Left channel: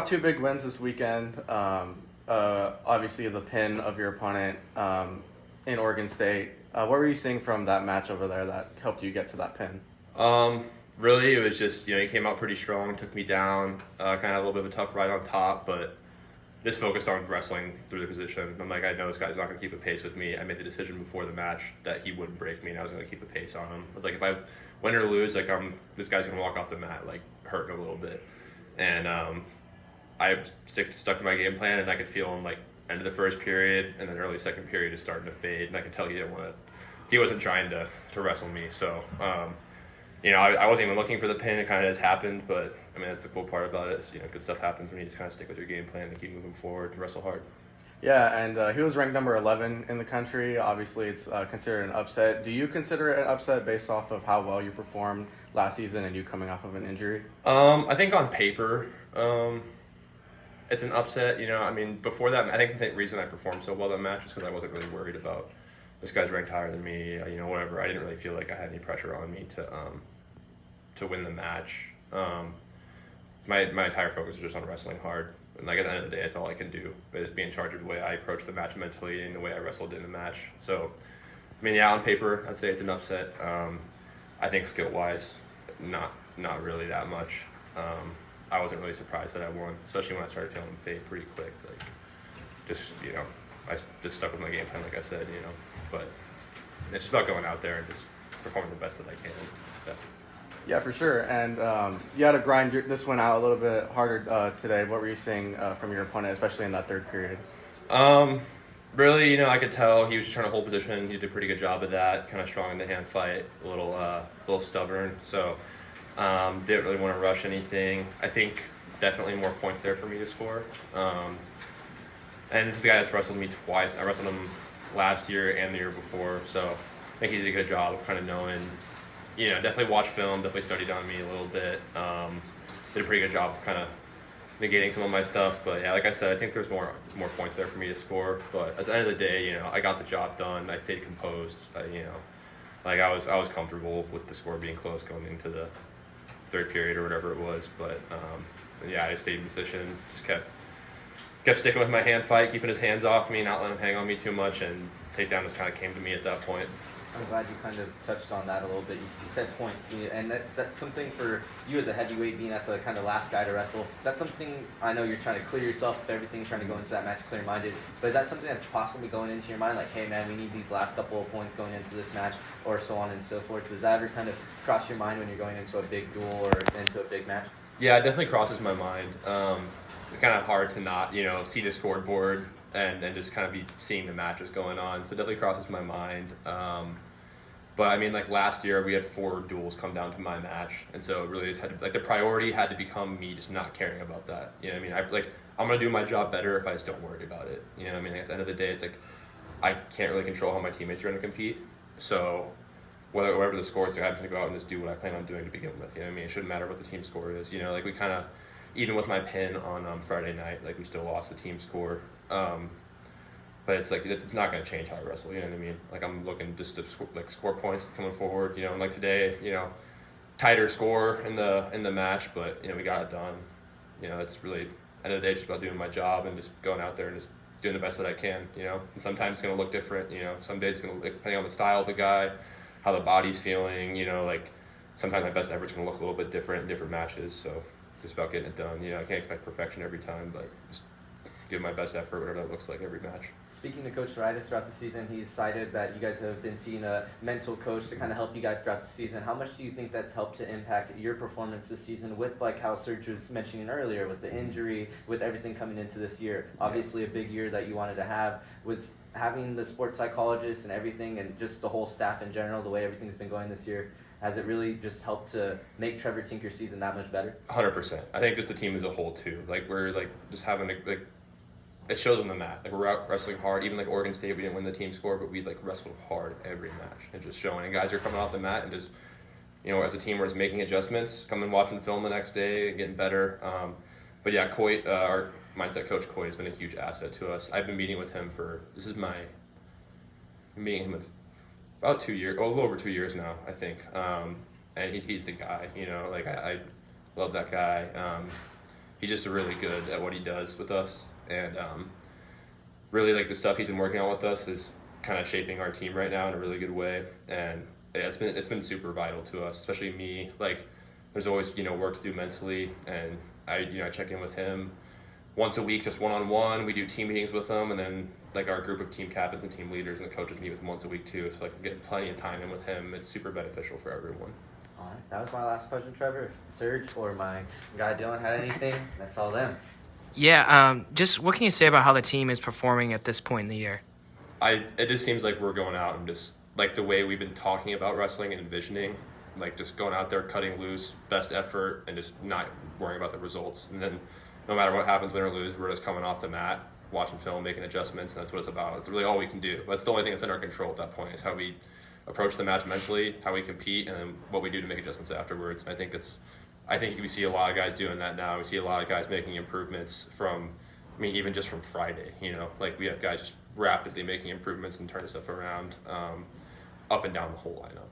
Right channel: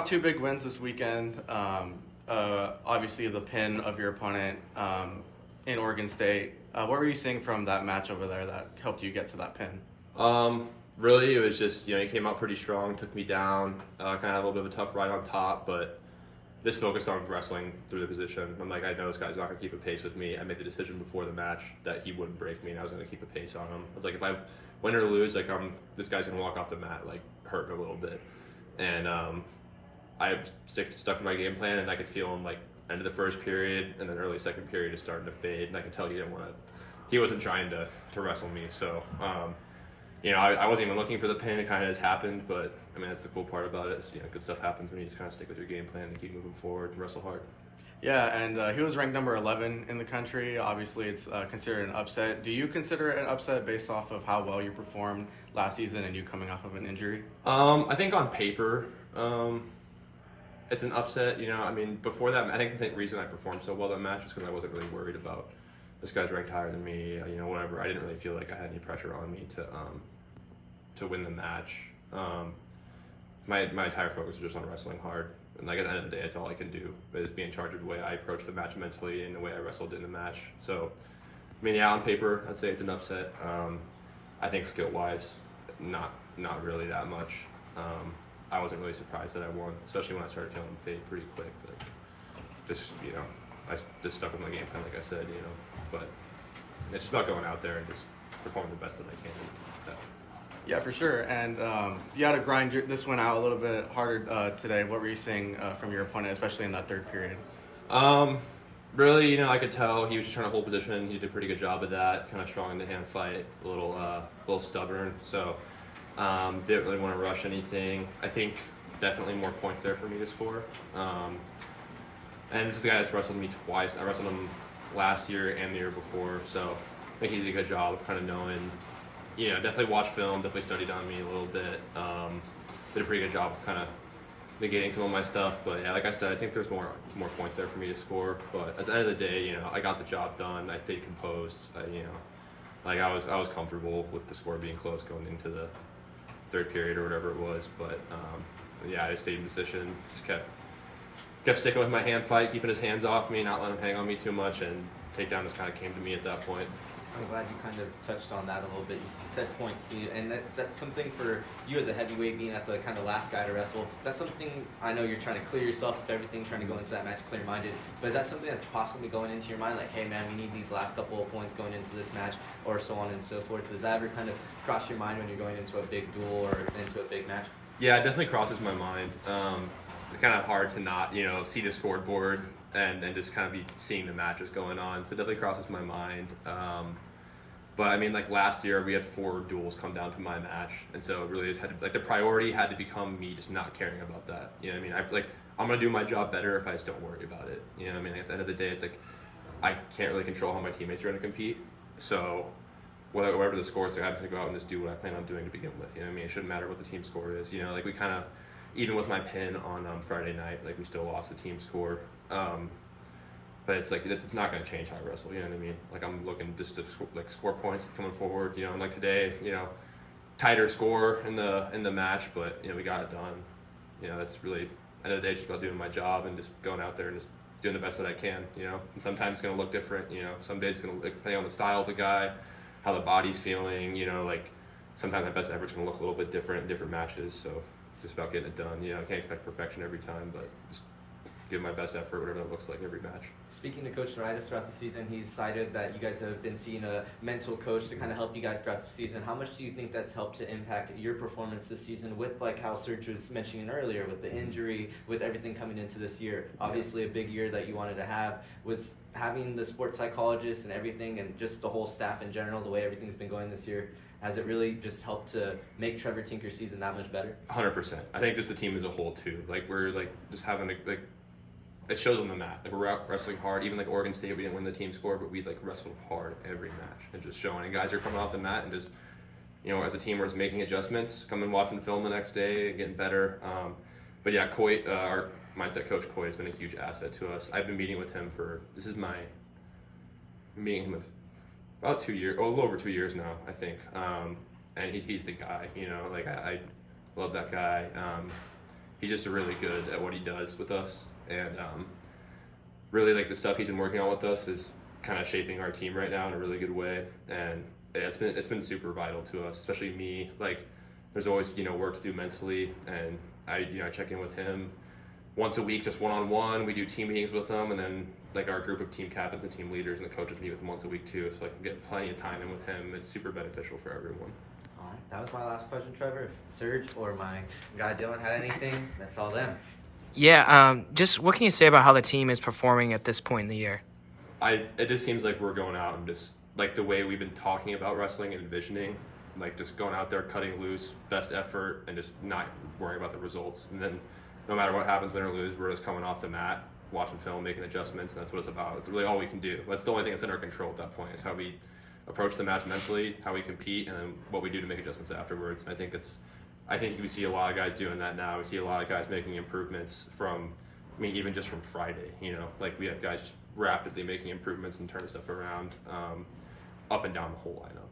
off two big wins this weekend. Obviously, the pin of your opponent in Oregon State. What were you seeing from that match over there that helped you get to that pin? Really, it was just, he came out pretty strong, took me down, kind of had a little bit of a tough ride on top, but just focused on wrestling through the position. I'm like, I know this guy's not going to keep a pace with me. I made the decision before the match that he wouldn't break me, and I was going to keep a pace on him. I was like, if I win or lose, this guy's going to walk off the mat, hurting a little bit. And I stuck to my game plan, and I could feel him, end of the first period, and then early second period is starting to fade, and I could tell he wasn't trying to wrestle me, so... I wasn't even looking for the pin. It kind of just happened, but that's the cool part about it. Is, good stuff happens when you just kind of stick with your game plan and keep moving forward and wrestle hard. Yeah, and he was ranked number 11 in the country. Obviously, it's considered an upset. Do you consider it an upset based off of how well you performed last season and you coming off of an injury? I think on paper, it's an upset. Before that, I think the reason I performed so well that match is because I wasn't really worried about this guy's ranked higher than me, whatever. I didn't really feel like I had any pressure on me to win the match. My entire focus was just on wrestling hard. And at the end of the day, it's all I can do is be in charge of the way I approach the match mentally and the way I wrestled in the match. So, on paper, I'd say it's an upset. I think skill-wise, not really that much. I wasn't really surprised that I won, especially when I started feeling fade pretty quick. I just stuck with my game plan, like I said, But it's just about going out there and just performing the best that I can. Yeah, for sure. And you had to grind this one out a little bit harder today. What were you seeing from your opponent, especially in that third period? Really, I could tell he was just trying to hold position. He did a pretty good job of that. Kind of strong in the hand fight, a little stubborn. So didn't really want to rush anything. I think definitely more points there for me to score. And this is a guy that's wrestled me twice. I wrestled him last year and the year before, so I think he did a good job of kind of knowing, definitely watched film, definitely studied on me a little bit. Did a pretty good job of kind of negating some of my stuff, but yeah, like I said, I think there's more points there for me to score. But at the end of the day, I got the job done. I stayed composed. I was comfortable with the score being close going into the third period or whatever it was. But I stayed in position, just kept sticking with my hand fight, keeping his hands off me, not letting him hang on me too much, and takedown just kind of came to me at that point. I'm glad you kind of touched on that a little bit. You said points, and is that something for you as a heavyweight being at the kind of last guy to wrestle? Is that something, I know you're trying to clear yourself of everything, trying to go into that match clear-minded, but is that something that's possibly going into your mind, like, hey man, we need these last couple of points going into this match, or so on and so forth? Does that ever kind of cross your mind when you're going into a big duel or into a big match? Yeah, it definitely crosses my mind. It's kind of hard to not, see the scoreboard and just kind of be seeing the matches going on. So it definitely crosses my mind. But last year we had 4 duels come down to my match, and so it really just had to, the priority had to become me just not caring about that. I'm gonna do my job better if I just don't worry about it. At the end of the day, it's I can't really control how my teammates are gonna compete. So whatever the score is, I'm gonna go out and just do what I plan on doing to begin with. It shouldn't matter what the team score is. We kind of, even with my pin on Friday night, we still lost the team score. But it's not going to change how I wrestle. You know what I mean? I'm looking just to score points coming forward. And today, tighter score in the match, but we got it done. It's really, end of the day, just about doing my job and just going out there and just doing the best that I can. And sometimes it's going to look different. Some days it's going to, depending on the style of the guy, how the body's feeling. Sometimes my best effort's going to look a little bit different in different matches. So it's just about getting it done. I can't expect perfection every time, but just give my best effort, whatever that looks like every match. Speaking to Coach Noritis throughout the season, he's cited that you guys have been seeing a mental coach to kind of help you guys throughout the season. How much do you think that's helped to impact your performance this season with, how Serge was mentioning earlier, with the injury, with everything coming into this year? Obviously a big year that you wanted to have. Was having the sports psychologist and everything and just the whole staff in general, the way everything's been going this year, has it really just helped to make Trevor Tinker's season that much better? 100%. I think just the team as a whole too. We're just having it shows on the mat. We're out wrestling hard. Even Oregon State, we didn't win the team score, but we wrestled hard every match and just showing. And guys are coming off the mat and just, as a team, we're just making adjustments, coming watching film the next day and getting better. But yeah, Coy, our mindset coach Coy has been a huge asset to us. I've been meeting with him meeting him with about 2 years, a little over 2 years now, I think. And he's the guy. I love that guy. he's just really good at what he does with us, and really like the stuff he's been working on with us is kind of shaping our team right now in a really good way, and yeah, it's been super vital to us, especially me. Like, there's always work to do mentally, and I check in with him once a week, just one-on-one. We do team meetings with him, and then like our group of team captains and team leaders and the coaches meet with him once a week too, so I can get plenty of time in with him. It's super beneficial for everyone. All right, that was my last question, Trevor. If Serge or my guy Dylan had anything, that's all them. Yeah, just what can you say about how the team is performing at this point in the year? It just seems like we're going out and just like the way we've been talking about wrestling and envisioning, like just going out there, cutting loose, best effort, and just not worrying about the results. And then no matter what happens, win or lose, we're just coming off the mat, watching film, making adjustments, and that's what it's about. It's really all we can do. That's the only thing that's in our control at that point, is how we approach the match mentally, how we compete, and then what we do to make adjustments afterwards. And I think we see a lot of guys doing that now. We see a lot of guys making improvements from, even just from Friday, like we have guys just rapidly making improvements and turning stuff around up and down the whole lineup.